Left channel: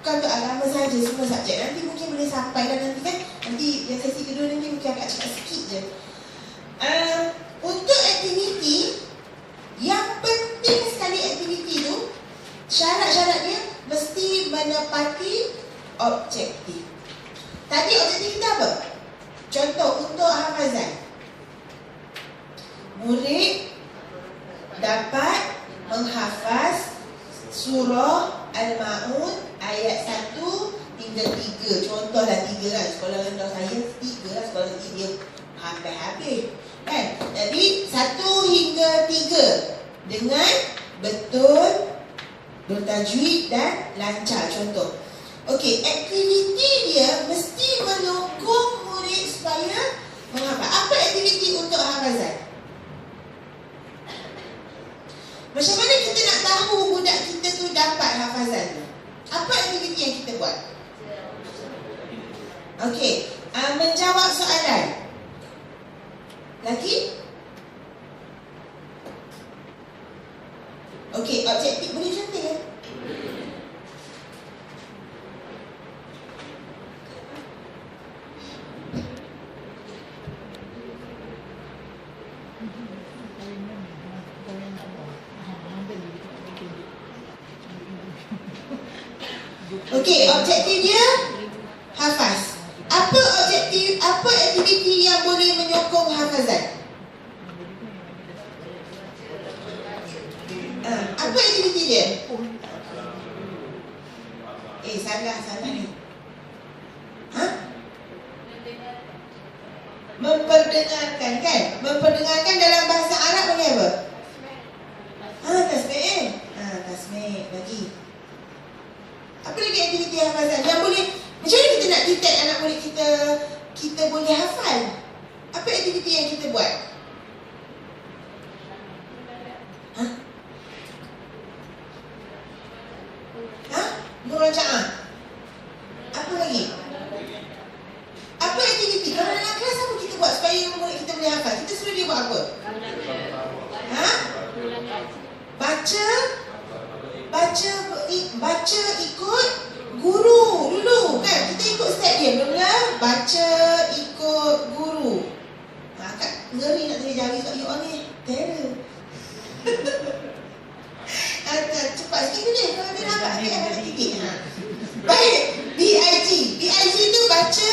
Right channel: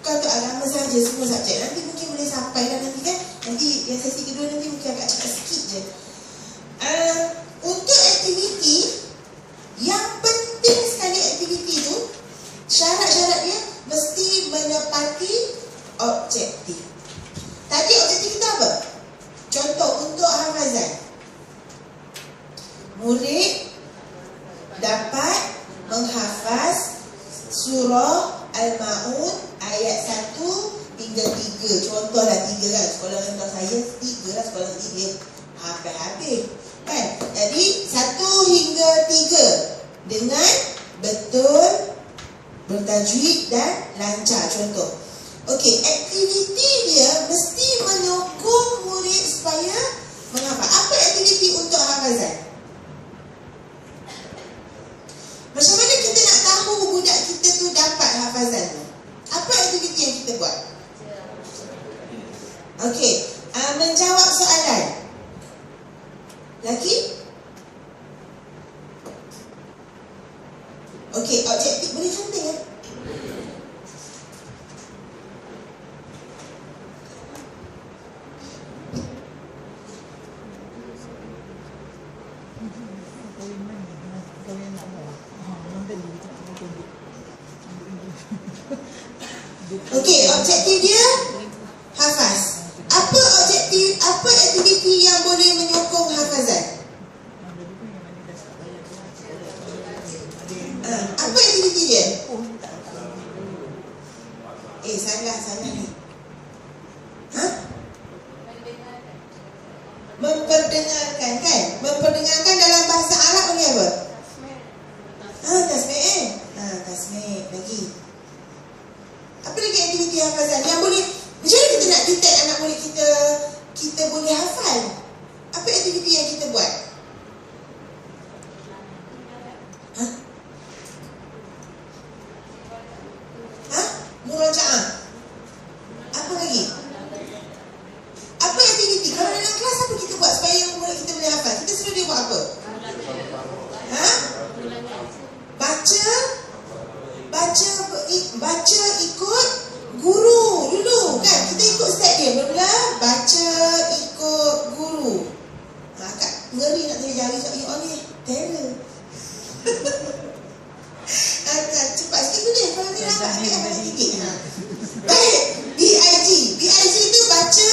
Bukan untuk agama saja, semua subjek. Nanti mungkin boleh sampai dan nanti kan, nanti yang sesi kedua nanti mungkin agak cepat sikit je. Untuk aktiviti, yang penting sekali aktiviti tu, syarat-syarat dia mesti menepati objektif. Tadi objektif kita apa? Contoh untuk hafazan, murid dapat menghafaz surah Al-Ma'un ayat 1 hingga 3. Contohlah 3 kan. Sekolah rendah saya 3 lah, sekolah tinggi dia habis-habis kan. Jadi 1 hingga 3 dengan betul, bertajwid dan lancar. Contoh. Okey, aktiviti dia mesti menyokong murid supaya menghafal. Apa aktiviti untuk hafazan? Macam mana kita nak tahu budak kita tu dapat hafazan tu? Apa aktiviti yang kita buat? Okey, menjawab soalan. Lagi? Okey, objektif boleh cantik kan? Okey, objektif dia hafaz. Apa objektif, apa aktiviti yang boleh menyokong hafazan? Apa aktiviti dia? Salah ni. Memperdengarkan kan? Memperdengarkan dalam bahasa Arab panggil apa? Tasmi'. Tasmi' lagi. Apa lagi aktiviti hafazan yang boleh? Macam mana kita nak detect anak murid kita boleh hafal? Apa aktiviti yang kita buat? Murajaah. Apa lagi? Apa aktiviti? Kalau dalam kelas apa kita buat supaya murid kita boleh hafal? Kita suruh dia buat apa? Baca ikut guru dulu kan. Kita ikut step dia. Mula baca ikut guru. Kak ngeri nak saya jari sebab you all ni terror. Cepat sikit tu dia. Kalau dia nampak dia akan sikit. Baik, BIG tu baca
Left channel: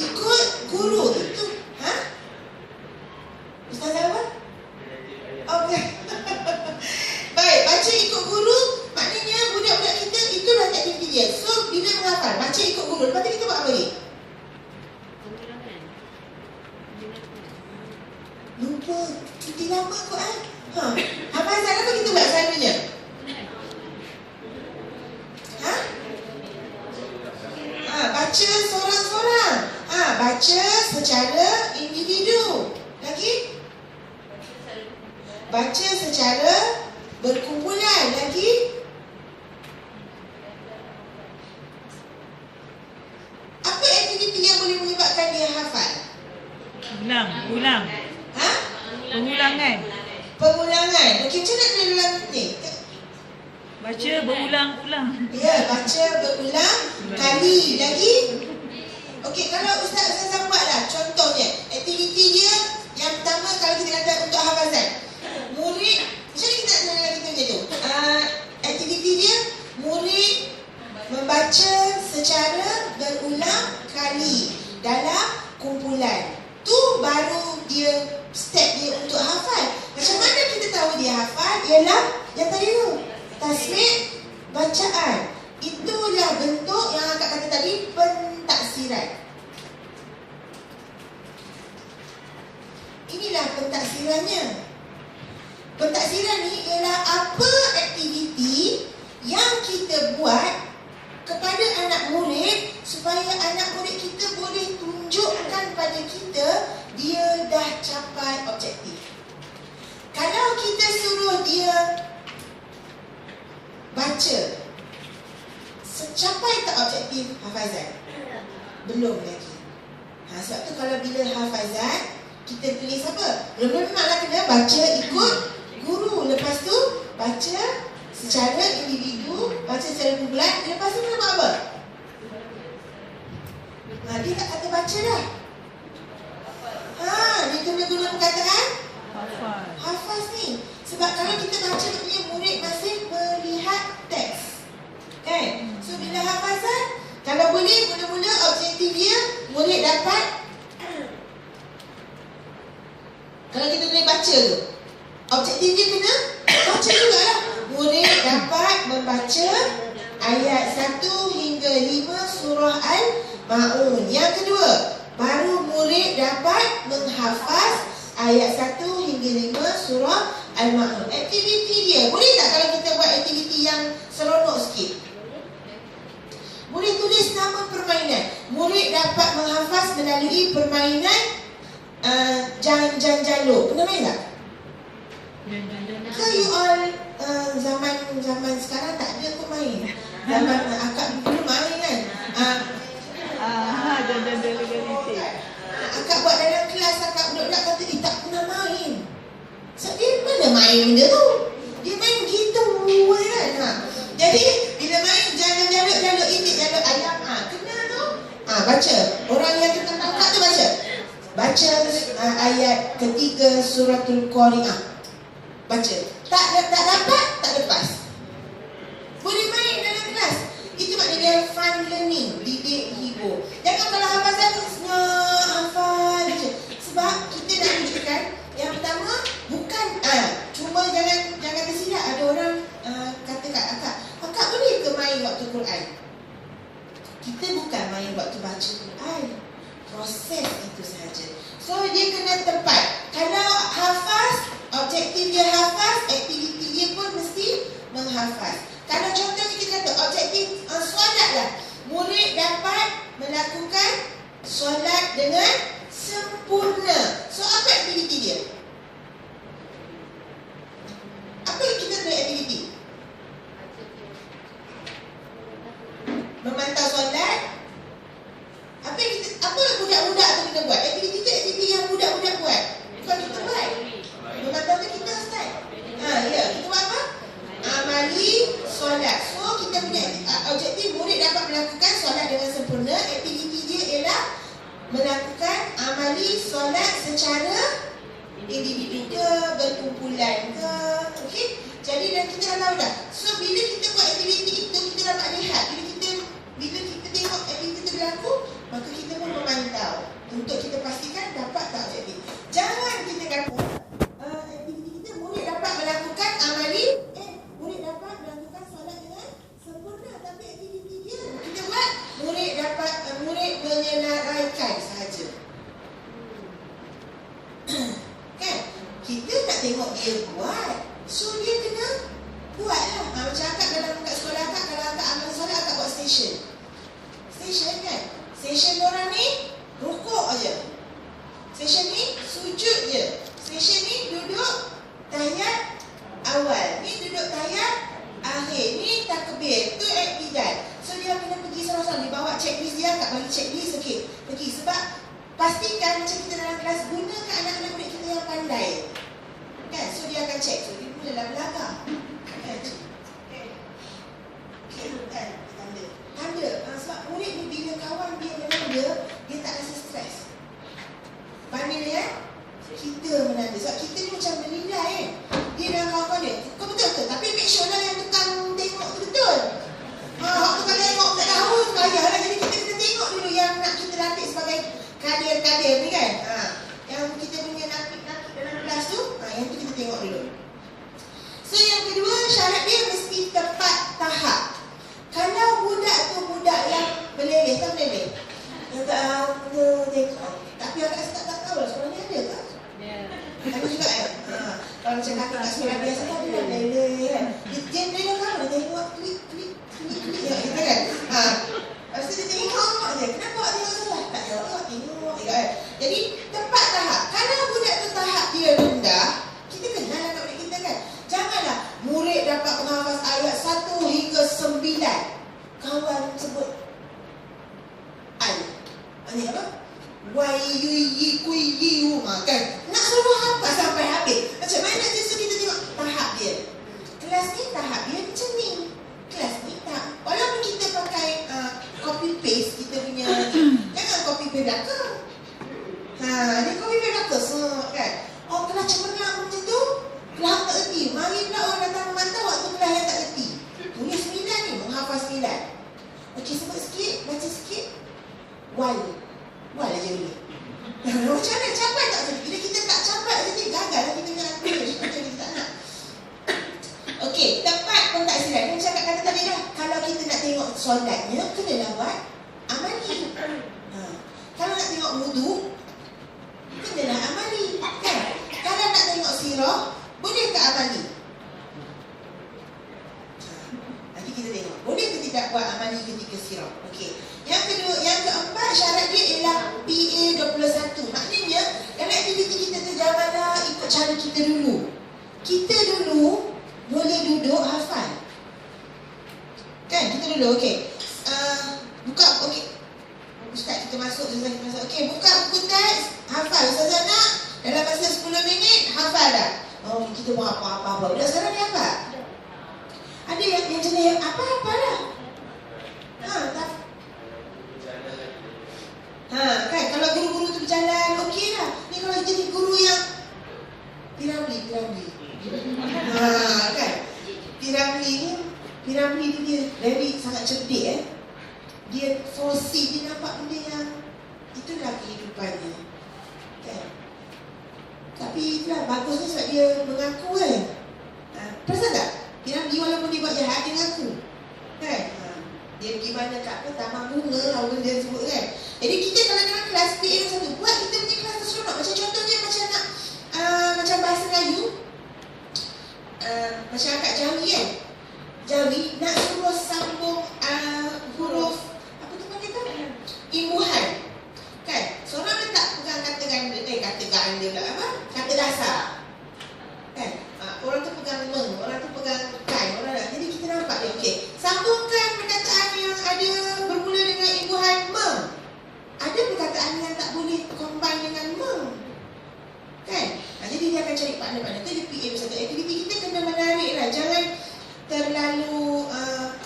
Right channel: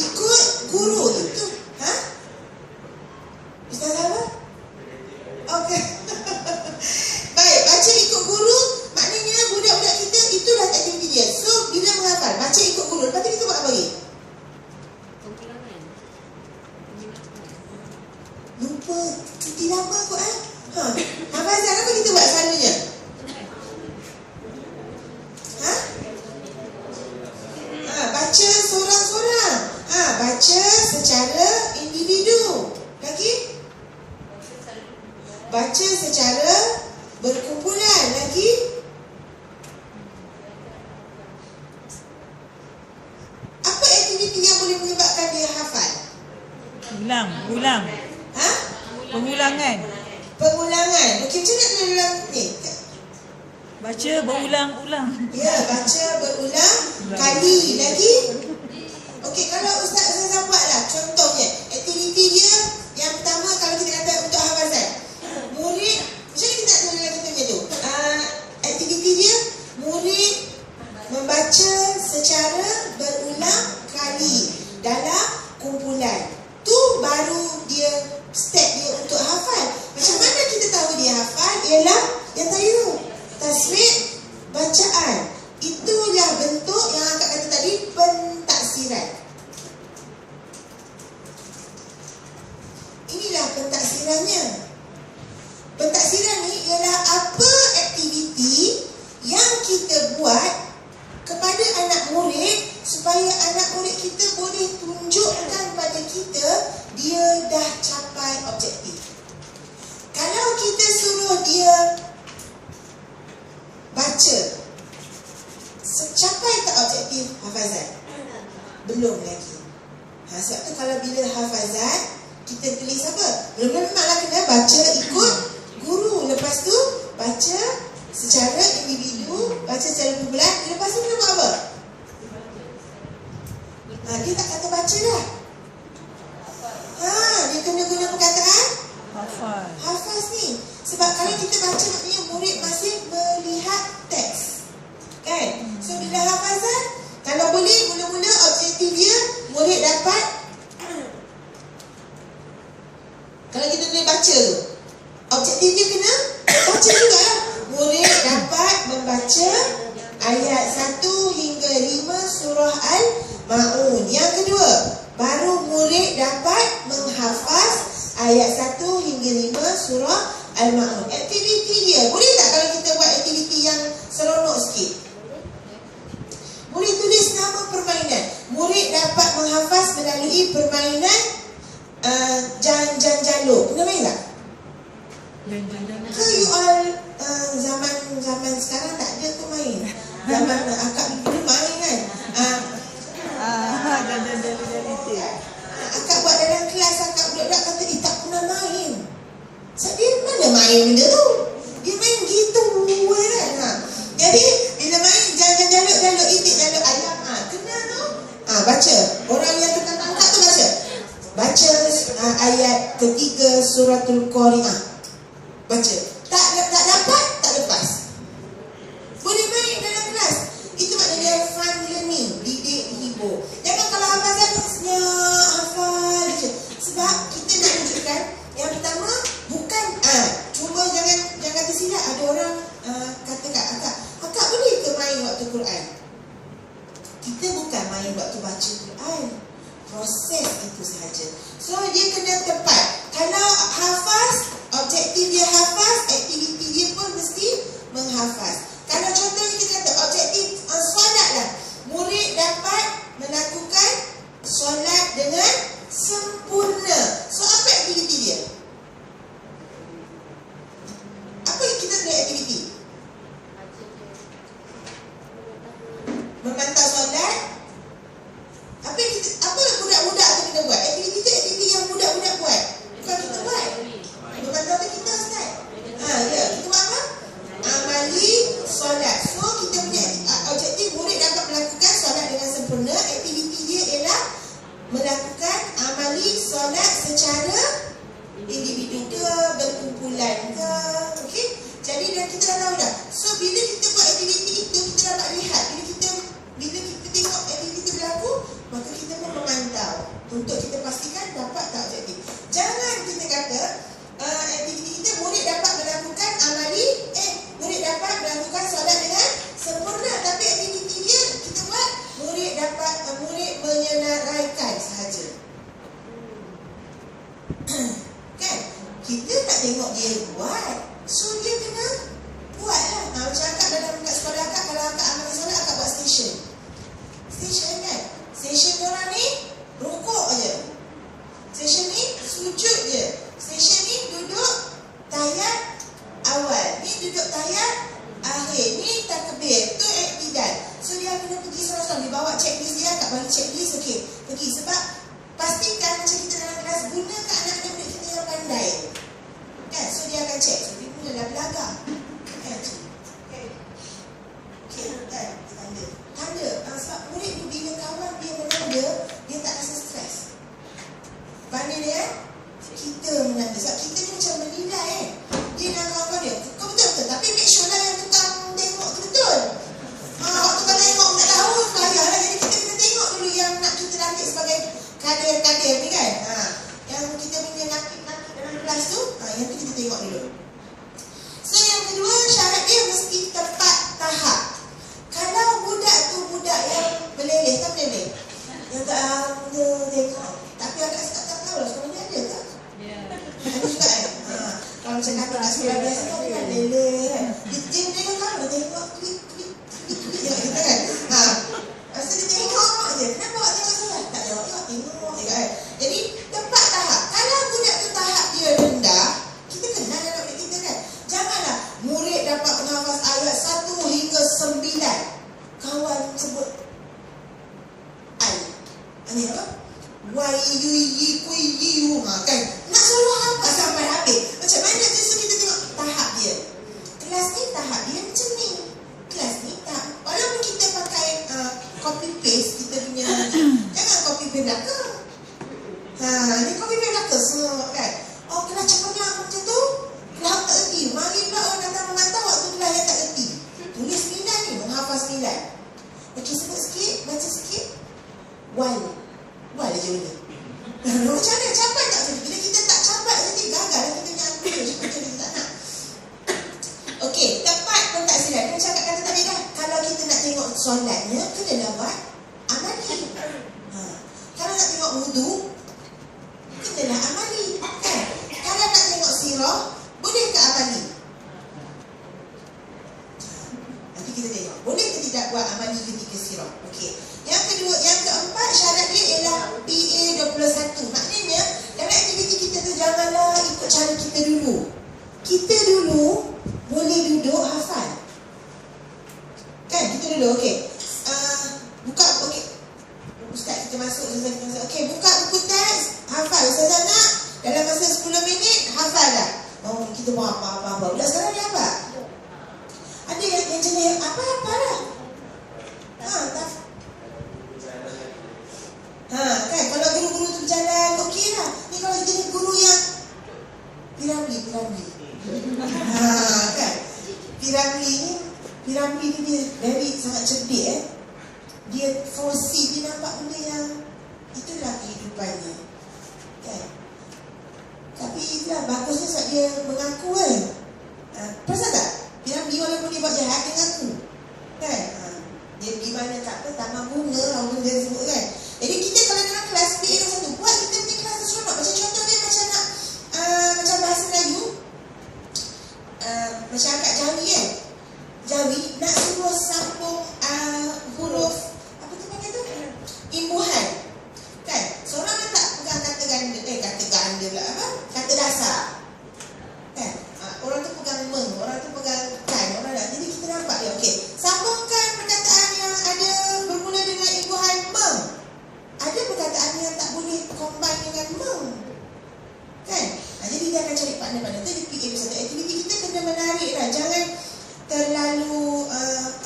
ikut guru. Itu Ustazah apa? Okey. Baik, baca ikut guru. Maknanya budak-budak kita itulah aktiviti dia. So bila menghafal, baca ikut guru. Lepas tu kita buat apa lagi? Lupa. Cuti lama kot hafazan apa kita buat selalunya? Baca seorang-seorang. Baca secara individu. Lagi? Baca secara berkumpulan. Lagi? Apa aktiviti yang boleh menyebabkan dia hafal? Ulang. Pengulangan. Okey, macam mana dia ulang ni? Baca berulang-ulang. Ya, baca berulang kali. Lagi? Okey, kalau Ustazah buatlah contohnya. Aktiviti dia yang pertama kalau kita kata untuk hafazan. Murid, macam mana kita nak kenal kita punya tu? Aktiviti dia, murid membaca secara berulang kali dalam kumpulan. Tu baru dia step dia untuk hafal. Macam mana kita tahu dia hafal? Ialah yang tadi tu, tasmi' bacaan. Itulah bentuk yang akak kata tadi, pentaksiran. Inilah pentaksirannya. Pentaksiran ni ialah apa aktiviti yang kita buat kepada anak murid supaya anak murid kita boleh tunjukkan pada kita dia dah capai objektif. Kalau kita suruh dia baca, capai tak objektif hafazan? Belum lagi. Sebab tu kalau bila hafazan, kita tulis apa? Mula-mula memanglah kena baca ikut guru. Lepas tu baca secara individu, baca secara kumpulan. Lepas tu dia buat apa? Dia tak kata baca dah. Dia kena guna perkataan Hafal. hafaz ni. Sebab kalau kita baca maknanya murid masih melihat teks, kan? So bila hafazan, kalau boleh mula-mula objektif dia murid dapat. Kalau kita boleh baca tu, objektif dia kena baca juga lah. Murid dapat membaca ayat 1 hingga 5 surah Al-Ma'un. Yang kedua, baru murid dapat menghafaz ayat 1 hingga 5 surah Al-Ma'un. Aktiviti dia, boleh tak kalau kita buat aktiviti yang seronok sikit? Murid tulis nama permainan. Murid dapat menghafaz melalui permainan jaluk. Pernah main tak? Ke you all zaman sekarang tak ada kau main? Zaman akak dulu main kan? Akak buat dalam kelas, akak budak-budak kata tak pernah main. So dia mana main benda tu? Dia main gitu kan? Jadi bila main jaluk itik jaluk ayam, kena tu baca. Orang yang kita tangkap tu baca ayat ketiga suratul Qari'ah. Baca. Tak dapat, tak lepas. Boleh main dalam kelas. Itu maknanya dia fun learning, didik hibur. Jangan kalau hafazan senyap hafal je. Sebab kita nak tunjukkan yang pertama bukan cuma jangan tersilap. Ada orang kata kat akak boleh ke main waktu Quran? Kita bukan main waktu baca Quran. Proses itu sahaja. So dia kena tepat. Kalau hafaz, objektif dia hafaz, aktiviti dia pun mesti menghafaz. Kalau contohnya kita kata objektif solat lah, murid dapat melakukan solat dengan sempurna. So apa aktiviti dia? Apa yang kita kena aktiviti? Memantau solat. Apa budak-budak tu kita buat? Aktiviti tu aktiviti yang budak-budak buat. Bukan kita buat. Memantau tu kita start. Ya, kita buat apa? Amali solat. So kita punya objektif murid dapat melakukan solat dengan sempurna. Aktiviti dia ialah melakukan amali solat secara individu ke, berkumpulan ke. Okey? Jadi dan kita dah tahu dah. So bila kita buat aktiviti itu, kita dapat lihat. Bila kita tengok aktiviti itu berlaku, maka kita pun memantau untuk kita pastikan dapat tak objektif. Jangan kita kata aktiviti kita murid dapat melakukan amali, murid dapat melakukan solat dengan sempurna, tapi aktiviti dia kita buat murid menyenaraikan sahaja. Kan? Kita nak tengok dia buat. So dia kena buat lah. Macam akak kat sekolah akak, kalau akak amal solat, akak buat station kan? Station orang ni rukuk je, station ni sujud je, station ni duduk tahiyat awal, ni duduk tahiyat akhir, ni takbir, tu iktidal. So dia kena pergi sorang-sorang, dia bawa checklist dia, akak bagi checklist, okey, pergi. Sebab pastikan macam kita dalam kelas, gunakan anak-anak murid kita yang pandai kan? So dia akan check. So dia mulalah belagar kan? Okey kan? Tanda. Sebab murid ni bila kawan dia menanda, dia tak rasa stres. Banding dengan kita menanda. Sebab kita ni macam menilai kan? Dia dengan kawan dia, kau betul-betul, tapi make sure lah yang tukang tengok tu betul. Waktu tukang tengok tak tahu, payahlah. Jadi kita kena tengok dulu yang nak kita latih sebagai kader-kader ni kan? Yang kita punya nakik-nakik dalam kelas tu, yang tu kita tengok dulu. So yang kedua, syarat dia mesti tepat tahap. Kalau budak tu budak yang meleleh, tak meleleh, yang tak tengok, tapi agak tak tahu lah sekolah ni ada tak? Ada juga kan? Kalau macam kakak kat sekolah biasa kan, dia meleleh kan? Dia meleleh kan, dia tengok klik kita kan? Lepas tu dia tengok je, kenapa awak tengok salah? Tak tengok kan? Jadi tepat tahap. Kalau budak tu tahap dia rendah, kita kenal anak murid kita kan? Janganlah murid dapat menghafaz ayat 1 hingga 9. Kawan sebut I. Maksudnya apa? Y-U-Y-Q-U kan? Nak suruh hafaz sampai habis. Macam mana? So kita tengok tahap dia. Kelas ni tahap dia macam copy belaka. Dia copy belaka semua kan. Oh, kelas cemerlang macam tu, kelas tak reti. Mari pula orang datang memantau waktu kelas yang tak reti. Tulis 9 ni, menghafal 9. Okey, sebut sikit, baca sikit. Wal aja boleh. Macam mana? Capai tak? Bila kita tak capai saja, gagal lah kita nak ambil. Macam kita tak nak. Okey, tepat pun tak silap. Dia cakap kata tadi dah, kalau kita nak tengok solatnya, kenalah buat amali. Kalau nak tengok wudu, kenalah amali. Kan? Kalau nak tengok sirah, boleh ke amali? Nanti kita tengok. Boleh ke tidak buat amali ketika sirah? Okey. Yang kedua, yang keempat, syarat dia ialah PA21. Maknanya, dalam aktiviti kita tu janganlah ikut cara kita dulu. Kita dulu boleh duduk hafal. Kan? Kita dulu, okey. Buka, okey. Ustaz, kita masuk. Okey, buka buku teks, hafal. Ustazah nak, dalam masa 10 minit, hafal dah. Oh, kita buat apa-apa. Budak sekarang ni apa? Ada yang jenis, apa-apa lah. Kan, kalau guru-guru tu berjalan, okey lah. Ni kalau jenis guru yang Piramli. Kan, Piramli ni dia very sangat cerdik. Dia foresee, dia nampak benda yang itulah kehidupannya. Kan. Tapi itulah bagusnya sebab dia mengaku kan. Perasan tak? Piramli walaupun dia buat jahat, dia mengaku. Kan? Dia pergi mana kat apa, taman bunga, apa dia sebut kan. Jadi kita kalau dalam kelas PA21, buat kita punya kelas tu seronok. Macam contohnya macam nak macam bahasa Melayu, macam akak Jawi kan. Jawi nak suruh sambung huruf apa tu panggil tu? Imbuhan. Kan? Seorang letak pegang kata ganda lah apa? Kata dasar. Kan? Orang tu pegang meng, orang tu pegang kan, orang lah. Jadi kita nampak dia, okey. Sambungkan perkataan yang ada bermula dengan imbuhan meng. Ada perkataan yang tak boleh combine dengan meng. Kan? Jadi dia akan cari partner-partner tu. Dia PA21. Aktiviti kita kena menarik lah. Jangan terlalu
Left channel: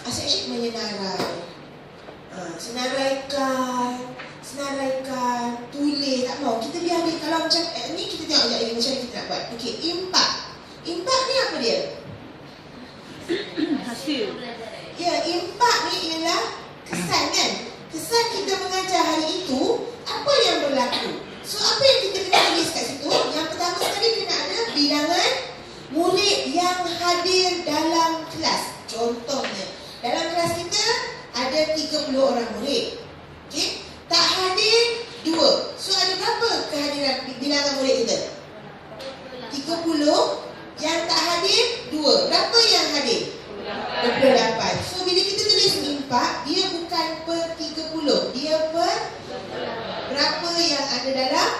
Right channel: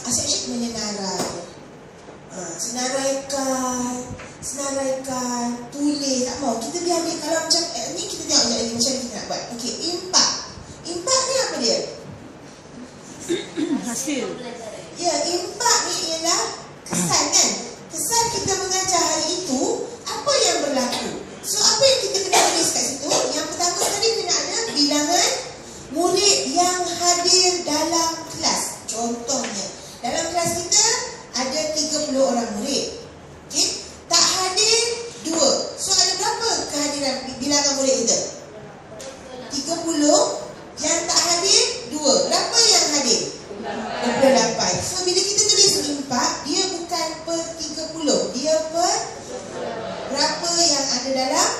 asyik menyenarai. Senaraikan, tulis, tak mau. Kita biar ambil, kalau macam ni kita tengok lagi macam mana kita nak buat. Okey, impak ni apa dia? Hasil. Ya, impak ni ialah kesan kan. Kesan kita mengajar hari itu, apa yang berlaku. So, apa yang kita kena tulis kat situ? Yang pertama sekali kena ada bilangan murid yang hadir dalam kelas. Contohnya, dalam kelas kita ada 30 orang murid. Okey? Tak hadir 2. So, ada berapa kehadiran bilangan murid kita? 30. Yang tak hadir 2. Berapa yang hadir? 28. So, bila kita tulis impak, dia bukan per 30. Dia per berapa yang ada dalam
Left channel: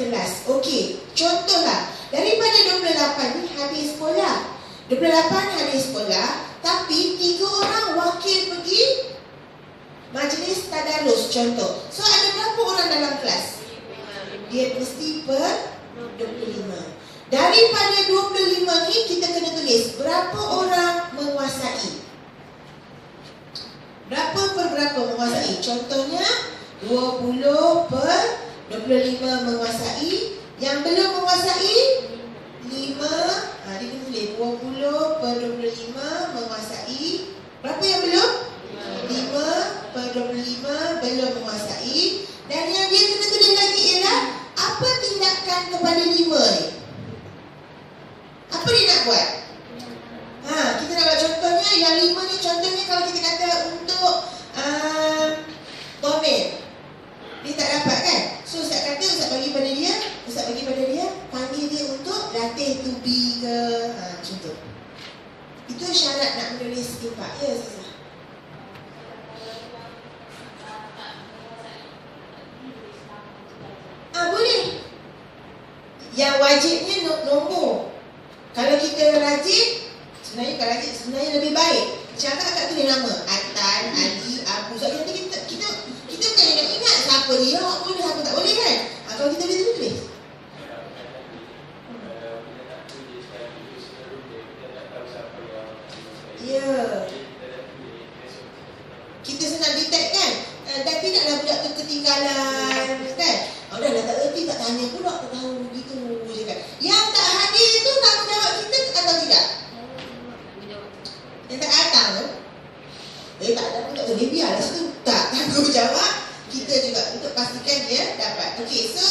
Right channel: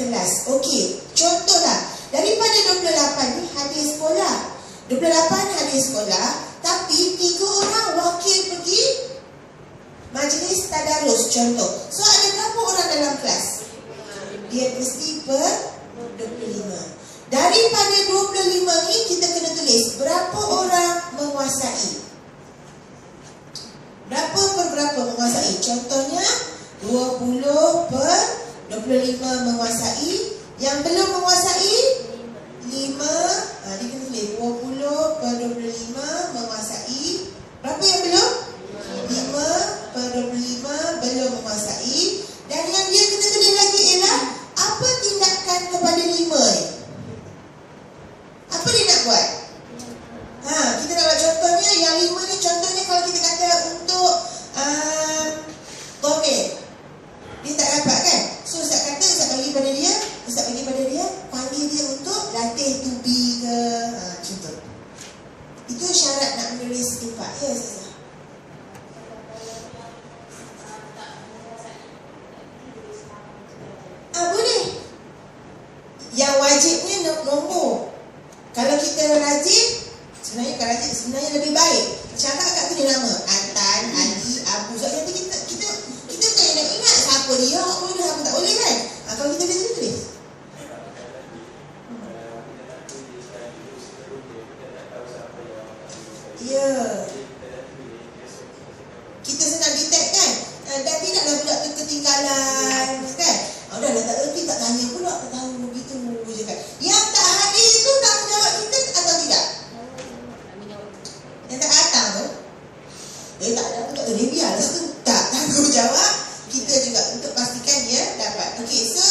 kelas. Okey, contohlah. Daripada 28 ni hadir sekolah. 28 hadir sekolah, tapi 3 orang wakil pergi majlis tadarus contoh. So, ada berapa orang dalam kelas? Dia mesti per 25. Daripada 25 ni kita kena tulis berapa orang menguasai. Berapa per berapa menguasai? Contohnya 20 per 25 menguasai. Yang belum menguasai 5. Dia kena tulis 20 per 25 menguasai. Berapa yang belum? 5 per 25 belum menguasai. Dan yang dia kena tulis lagi ialah apa tindakan kepada 5 ni. Apa dia nak buat? Kita nak buat contohnya. Yang 5 ni contohnya kalau kita kata untuk Tomil, dia tak dapat kan? So Ustaz kata, Ustaz bagi pada dia, panggil dia untuk latih to be ke contoh. Itu syarat nak menulis impak. Ya Ustazah. Boleh. Yang wajibnya nombor. Kalau kita rajin, sebenarnya lebih baik. Cakap kat tu dia nama Atan, Ali, Abu. Sebab nanti kita bukan nak ingat siapa dia, apa boleh, siapa tak boleh kan. Kalau kita boleh tulis. Ya. Kita senang detect kan. Dan tidaklah budak tu ketinggalan Tak ada pun tak boleh, biarlah tu. Tak tanggungjawab kita juga untuk pastikan dia dapat. Okey, so